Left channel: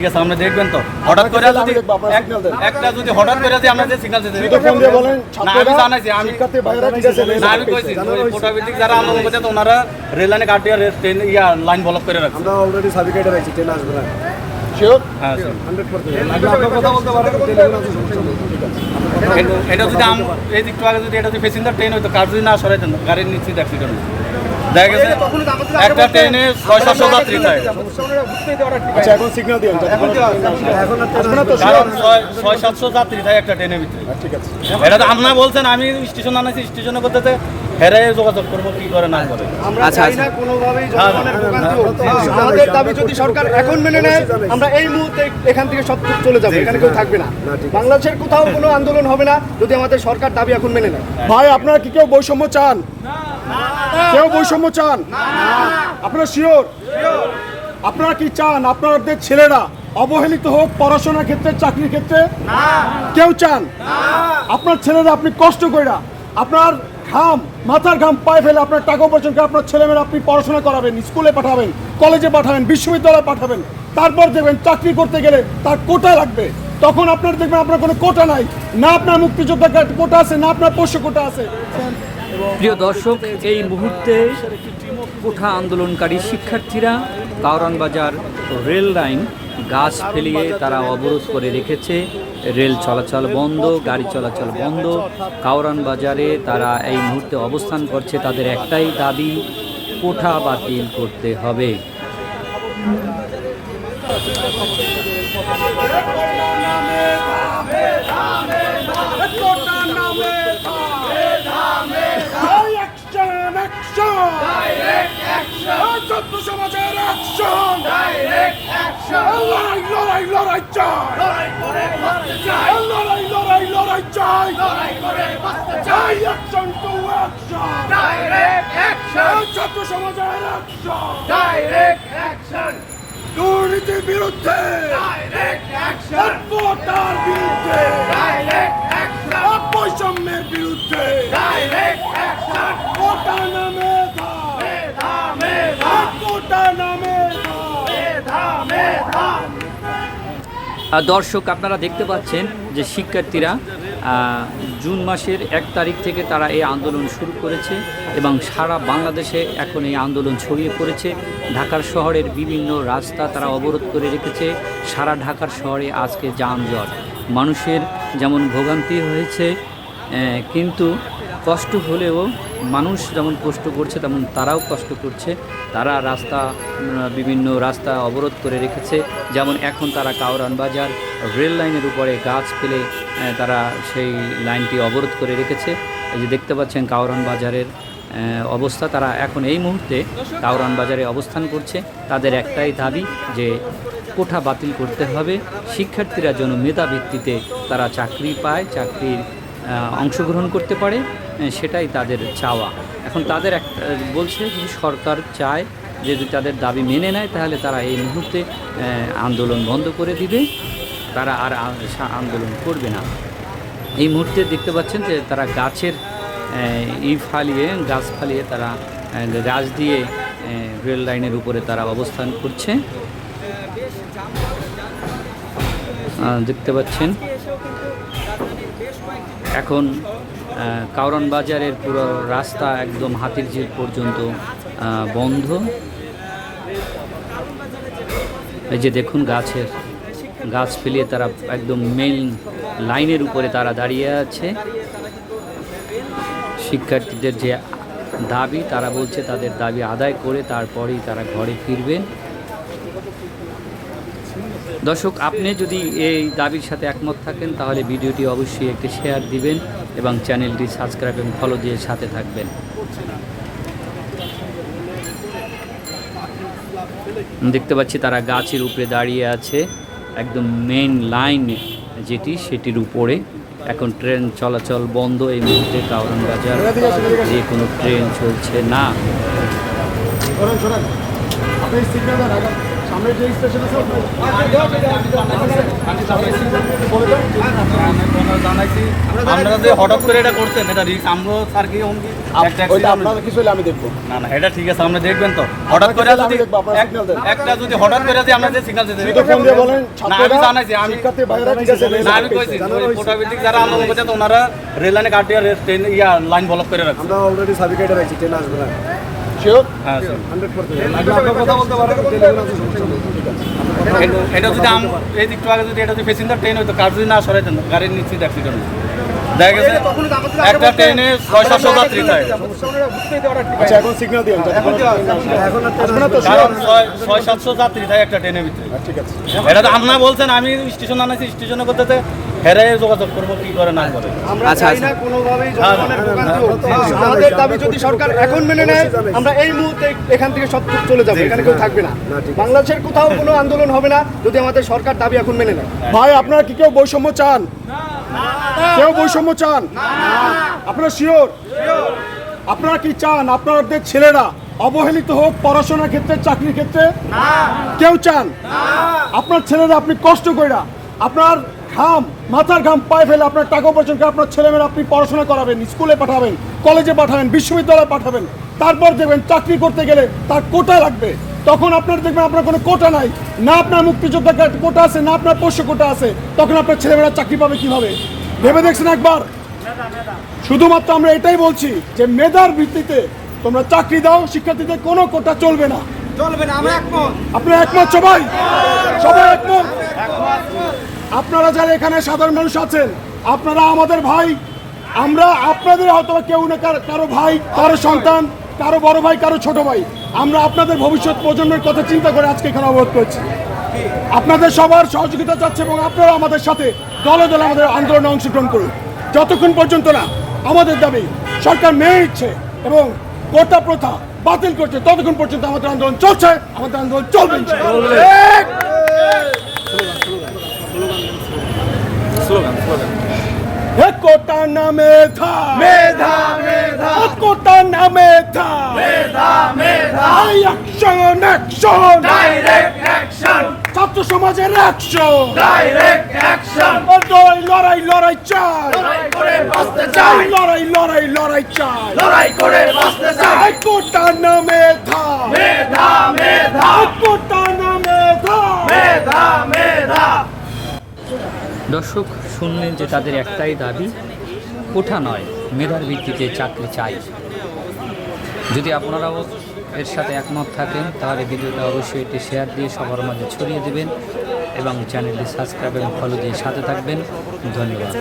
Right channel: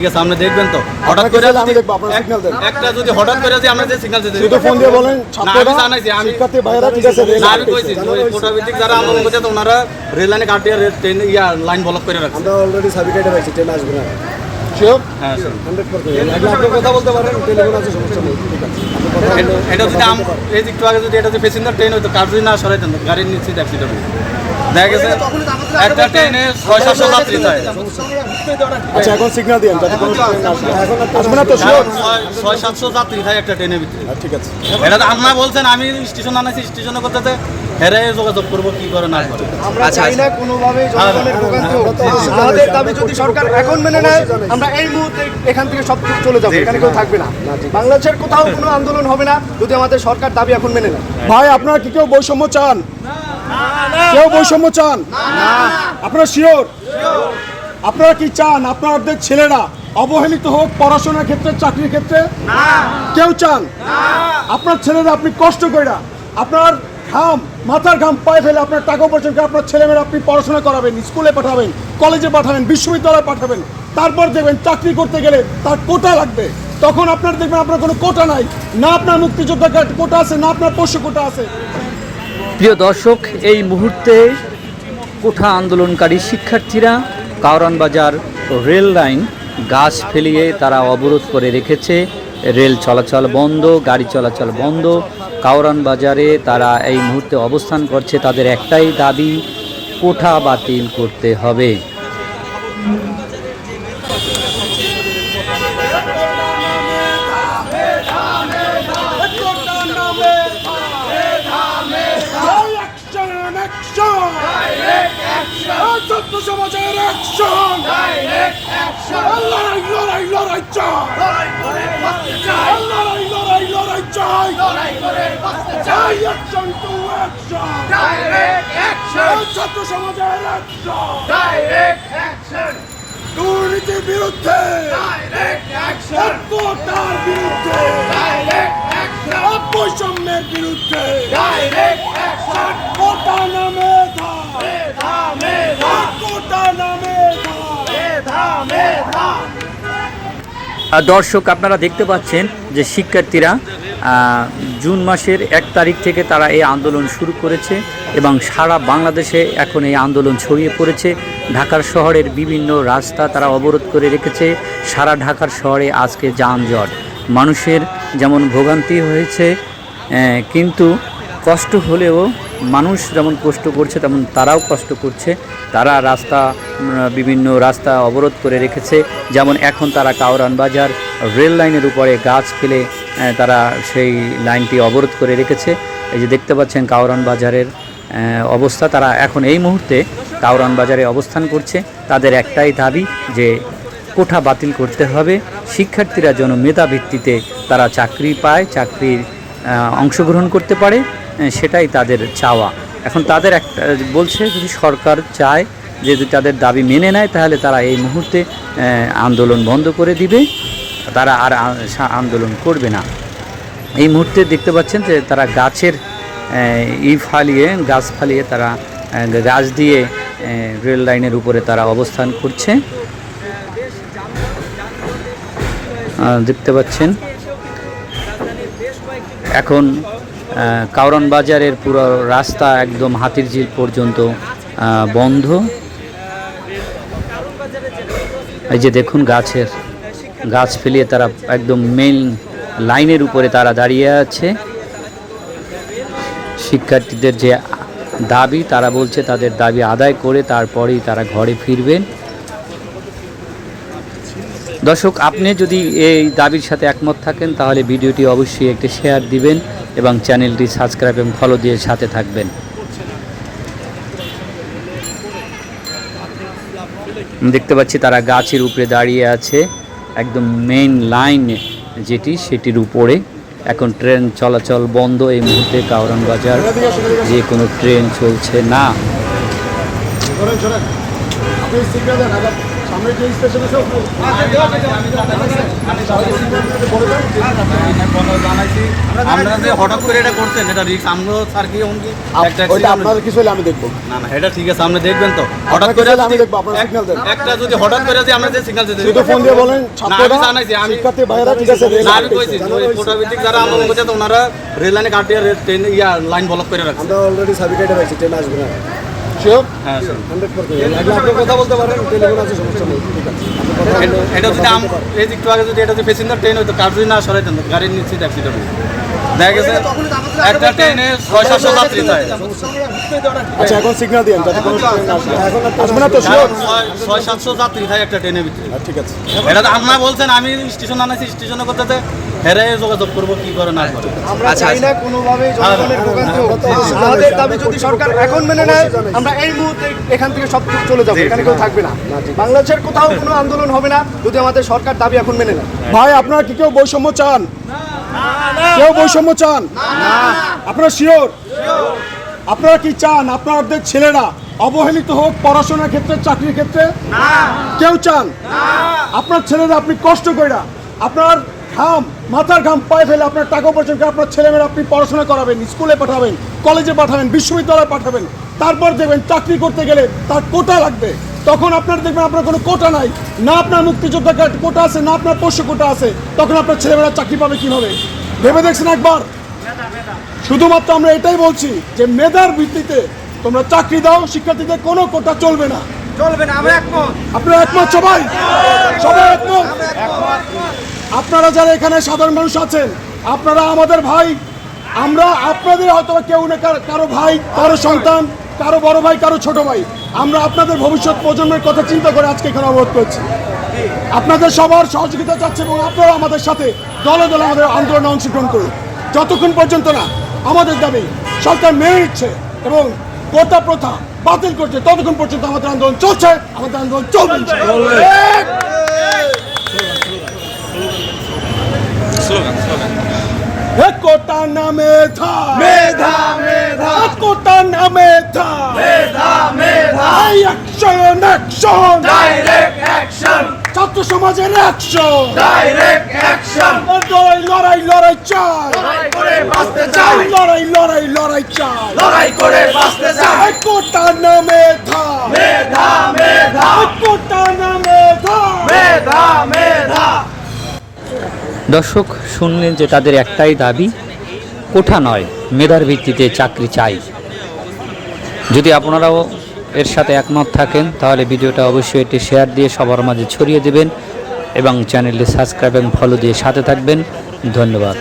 ঠিক আছে, আপনি দেখবেন তো হঠাৎ করে যদি একটা যদি হঠাৎ করে যদি আমরা যে সিগন্যাল দিতে শুধু ফোন দিয়ে বলেন না আমি জানাইছি আমি শিক্ষার্থী ভাইরা ঠিক আছে না আমি কইছি ওই কোটাভিত্তিক যারা আন্দোলন করছে তো ওনারা রেল লাইনে কাট দিয়ে ট্রেন লাইন ব্লক করে রাখছে। আমরা অলরেডি সার্টিফিকেট রাখছি, ট্রেন আসবে না। শিওর? হ্যাঁ 100%। আপনি কথা বলতে পারেন, টেলিফোন আছে, সমস্যা নেই। ঠিক আছে, আপনি কথা এটা যদি এই একটু আগে যদি এটা যদি প্যাসেঞ্জার ট্রেন হতো কার যদি না সরাইতেন গাড়ির নিচে অ্যাক্সিডেন্ট দেখা গেছে একটা ট্রেনে 600 যাত্রী থাকে। আচ্ছা এখন সিগন্যাল দিন, এখন আসবে না তো? 600-700 যাত্রী থাকে একটা ট্রেনের ভিতরে। ঠিক আছে, এটা তো আপনারা বলছেন আমি স্টেশন আনাইছি স্টেশনে করতেছে হেরে যোগাযোগ করবো কি করে না করে। আচ্ছা আচ্ছা কোনোভাবেই আমাদের দাবি যদি সরকার এখন মেনে নেয়, আমরা এই মুহূর্তে এখান থেকে সব চলে যাবো, এখানে কেউ থাকবে না। বাংলাদেশের কোথাও কোনো আন্দোলন হবে না যদি আমাদের সরকার দাবি এখন মেনে নেয়। ভাই আপনারা কি কেউ বৈষম্য চান? কেউ বৈষম্য চান? আপনারা শিওর? আপনারা কি চান আপনাদের ছেলেরা অবহেলিত হোক পড়াশোনার ক্ষেত্রে, চাকরির ক্ষেত্রে? কেউ চান? আপনার ছেলেরা আপনি কষ্ট কইরা আপনার ঘাম মাথার ঘাম পায়ে ফেলে আপনার টাকা উপার্জন করে আপনার ছেলেমেয়েরা আপনি পড়াশোনা করাবেন, স্কুলে পাঠাবেন, কলেজে পাঠাবেন, বিশ্ববিদ্যালয়ে পাঠাবেন, তারপর দেখবেন চাকরি করতে গেলে তার কোটা লাগবে। তখন আপনার দেখবেন আপনার কোনো কোটা নাই, না আপনার মুক্তিযোদ্ধা কোটা আছে, না আপনার পোষ্য কোটা আছে। প্রিয় দর্শক, এই মুহূর্তে কোঠা আন্দোলনকারী শিক্ষার্থীরা কাওরান বাজার রেল লাইন গাছ ফেলিয়ে তারা অবরোধ করে রেখেছে। রেল চলাচল বন্ধ, গাড়ি চলাচল বন্ধ। কাওরান বাজারে তারা এই মুহূর্তে অবস্থান করছে। তাদের একটাই দাবি, কোঠা বাতিল করতে হবে। সমাজের অ্যাকশন, লড়াই লড়াই লড়াই চাই, লড়াই লড়াই লড়াই চাই, অ্যাকশন টু অ্যাকশন, ছাত্র সমাজের অ্যাকশন, ডাইরেক্ট অ্যাকশন, দুর্নীতির বিরুদ্ধে ডাইরেক্ট অ্যাকশন, কোটার বিরুদ্ধে ডাইরেক্ট অ্যাকশন, বৈষম্যের বিরুদ্ধে ডাইরেক্ট অ্যাকশন, কোটা নামে দর্শক আপনারা দেখতে পাচ্ছেন যে শিক্ষার্থীরা জুন মাসের 1 তারিখ থেকে তারা এই আন্দোলন শুরু করেছে এবং সারা বাংলাদেশে এখন এই আন্দোলন ছড়িয়ে পড়েছে। ঢাকার শহরের বিভিন্ন রাস্তা তারা অবরোধ করে রেখেছে। সারা ঢাকার শহরে আজকে যানজট, মানুষের যেমন ভোগান্তি হয়েছে, কিন্তু কষ্ট হলেও মানুষ যেমন কষ্ট করছে তেমন তারাও কষ্ট করছে। তারা বিভিন্ন রাস্তা অবরোধ করে রেখেছে। যেমন এখন তারা কাওরান বাজার রেল লাইনের উপরে গাছ ফেলে তারা সেই লাইনটি অবরোধ করে রেখেছে। এই যে দেখতে পাচ্ছেন কাওরান বাজারের অবস্থা। তারা এখন এই মুহূর্তে কাওরান বাজারে অবস্থান করছে। তাদের একটাই দাবি যে কোঠা বাতিল করতে হবে। শিক্ষার্থীরা যেন মেধা ভিত্তিতে তারা চাকরি পায়, চাকরির অংশগ্রহণ করতে পারে, সেটাই তাদের চাওয়া। এখন তাদের একটা বলছে যদি সরকার চায় যে যদি তাদের দাবি মেনে নেয় তাহলে তারা এই মুহূর্তে আন্দোলন বন্ধ করে দিবে, তারা আর আন্দোলন করবে না। এই মুহূর্তে দেখতে পাচ্ছেন যে তারা গাছের গাছ ফালিয়ে তারা গাছ দিয়ে রেল লাইনের উপরে তারা অবস্থান করছে। দেখতে পাচ্ছেন এখন কাওরান বাজারের পুরো রাস্তা একদম হাতিরঝিল পর্যন্ত বন্ধ। এই যে দেখুন গাছ ফেলিয়ে তারা একদম মেইন লাইনের উপরে তারা দাঁড়িয়ে আছে। শিক্ষার্থীদের যে দাবি, তারা বলছে তাদের দাবি আদায় করে তারপরেই তারা ঘরে ফিরবেন। দর্শক, আপনি যদি এই দাবির সাথে একমত থাকেন তাহলে ভিডিওটি অবশ্যই একটি শেয়ার দিবেন এবং চ্যানেলটি সাবস্ক্রাইব এবং ফলো দিয়ে সাথে থাকবেন। দেখতে পাচ্ছি তারা গাছের উপরে দাঁড়িয়ে আছে, একদম মেইন লাইন যেটি সেটির উপরে। এখন ট্রেন চলাচল বন্ধ এই মুহূর্তে কাওরান বাজার, যে কোনো ট্রেন চলছে না। সামনে যে স্টেশন আছে জানাইছি আমরা যে হঠাৎ করে এটা করছেন এটা রিস্ক আমগো স্যার কি একটা আপনাদের কিছু হলে আমি দেখবো। না না এটা ঠিক আছে আমরা দেখবেন তো হঠাৎ করে আমি দেখবো, আপনারা signal দেন। একটা যদি হঠাৎ করে যে আমরা যে সিগন্যাল দিতে শুধু ফোন দিয়ে বলেন, না আমি জানাইছি আমি শিক্ষার্থী ভাইয়েরা ঠিক আছে, না আমি কইছি ফটোভিত্তিক যারা আন্দোলন করছে তো ওনারা রেল লাইনে কাট দিয়ে ট্রেন লাইন ব্লক করে রাখছে আমরা অলরেডি সার্টিফিকেট রাখছি, ট্রেন আসবে না। শিওর? হ্যাঁ স্যার 100%। লাগলে আপনার কথা বলতে পারেন, টেলিফোন আছে, সমস্যা নেই। ঠিক আছে। আপনার কথা হলো, এটা যদি কথা বলতে পারেন। এই একটু আগে যদি এটা যদি প্যাসেঞ্জার ট্রেন হতো কার যদি না সরাইতেন গাড়ির নিচে অ্যাক্সিডেন্ট হতো দেখা গেছে একটা ট্রেনে 600 যাত্রী থাকে আচ্ছা, এখন সিগন্যাল দিন। এখন আর ট্রেন আসবে না তো, শিওর? 600-700 যাত্রী থাকে একটা ট্রেনের ভিতরে ঠিক আছে। এটা তো আপনারা বলছেন আমি স্টেশন আনাইছি স্টেশনে করতে হেরে যোগাযোগ করবো কি করে না করে আমরা চাই না কোনোভাবেই জনগণের ভোগান্তি হোক। আমাদের দাবি যদি সরকার এখন মেনে নেয় আমরা এই মুহূর্তে এখান থেকে সব চলে যাবো, এখানে কেউ থাকবে না। বাংলাদেশের কোথাও কোনো আন্দোলন হবে না যদি আমাদের সরকার দাবি এখন মেনে নেয়। ভাই, আপনারা কি কেউ বৈষম্য চান? কেউ বৈষম্য চান? আপনারা শিওর? আপনারা কি চান আপনাদের ছেলেরা অবহেলিত হোক পড়াশোনার ক্ষেত্রে, চাকরির ক্ষেত্রে? কেউ চান? আপনার ছেলেরা আপনি কষ্ট কইরা আপনার ঘাম, মাথার ঘাম পায়ে ফেলে আপনার টাকা উপার্জন করে আপনার ছেলেমেয়েরা আপনি পড়াশোনা করাবেন, স্কুলে পাঠাবেন, কলেজে পাঠাবেন, বিশ্ববিদ্যালয়ে পাঠাবেন, তারপর দেখবেন চাকরি করতে গেলে তার কোটা লাগবে। তখন আপনার দেখবেন আপনার কোনো কোটা নাই, না আপনার মুক্তিযোদ্ধা কোটা আছে, না আপনার পোষ্য কোটা আছে, তখন আপনার ছেলেমেয়েরা চাকরি পাবে কিভাবে? ভেবে দেখছেন একবার? শুধুমাত্র আমরা এটাই বলছি যে মেধার ভিত্তিতে তোমরা চাকরি দাও, শিক্ষার্থীদের কোনো কোটা চলবে না। আপনারা একমত? সবাই সবাই একমত? আপনারা যারা এখানে সাধারণ মানুষ আছেন আপনারা আমাদের ভাই, আমরা আপনাদের হয়তো কেউ না কারো ভাই, কারো সন্তান, কারো বড় ভাই, কারো ছোট ভাই। আমরা আপনাদের ভবিষ্যৎ প্রজন্মের কথা চিন্তা করে আজকে এখানে অবরোধ করছি। আপনাদের সবার সহযোগিতা চাচ্ছে এবং আপনারা আমাদের সাথে দলে দলে আমাদের আন্দোলনে অংশগ্রহণ করুন। যতক্ষণ পর্যন্ত না আমাদের দাবি সরকার মেনে নিচ্ছে এবং কোটা প্রথা বাতিল করছে ততক্ষণ পর্যন্ত আমাদের আন্দোলন চলছে, আমাদের আন্দোলন চলবে। কোটা না মেধা, মেধা মেধা, কোটা না মেধা, মেধা মেধা, অ্যাকশন অ্যাকশন, ডাইরেক্ট অ্যাকশন, ছাত্র সমাজের অ্যাকশন, ডাইরেক্ট অ্যাকশন, লড়াই লড়াই লড়াই চাই, লড়াই করে বাঁচতে চাই, লড়াই লড়াই লড়াই চাই, লড়াই করে বাঁচতে চাই, কোটা না মেধা, মেধা মেধা, কোটা না মেধা, মেধা মেধা। দর্শক শুনলেন যে তাদের একটাই দাবি, কোঠা নয় মেধার ভিত্তিতে চাকরি চাই। যদি আপনারাও এর সাথে একমত থাকেন তাহলে ভিডিওটা অবশ্যই এটি শেয়ার দিয়ে সবার মাঝে ছড়িয়ে দেবেন এবং চ্যানেলটি সাবস্ক্রাইব এবং ফলো দিয়ে সাথে থাকবেন। ধন্যবাদ।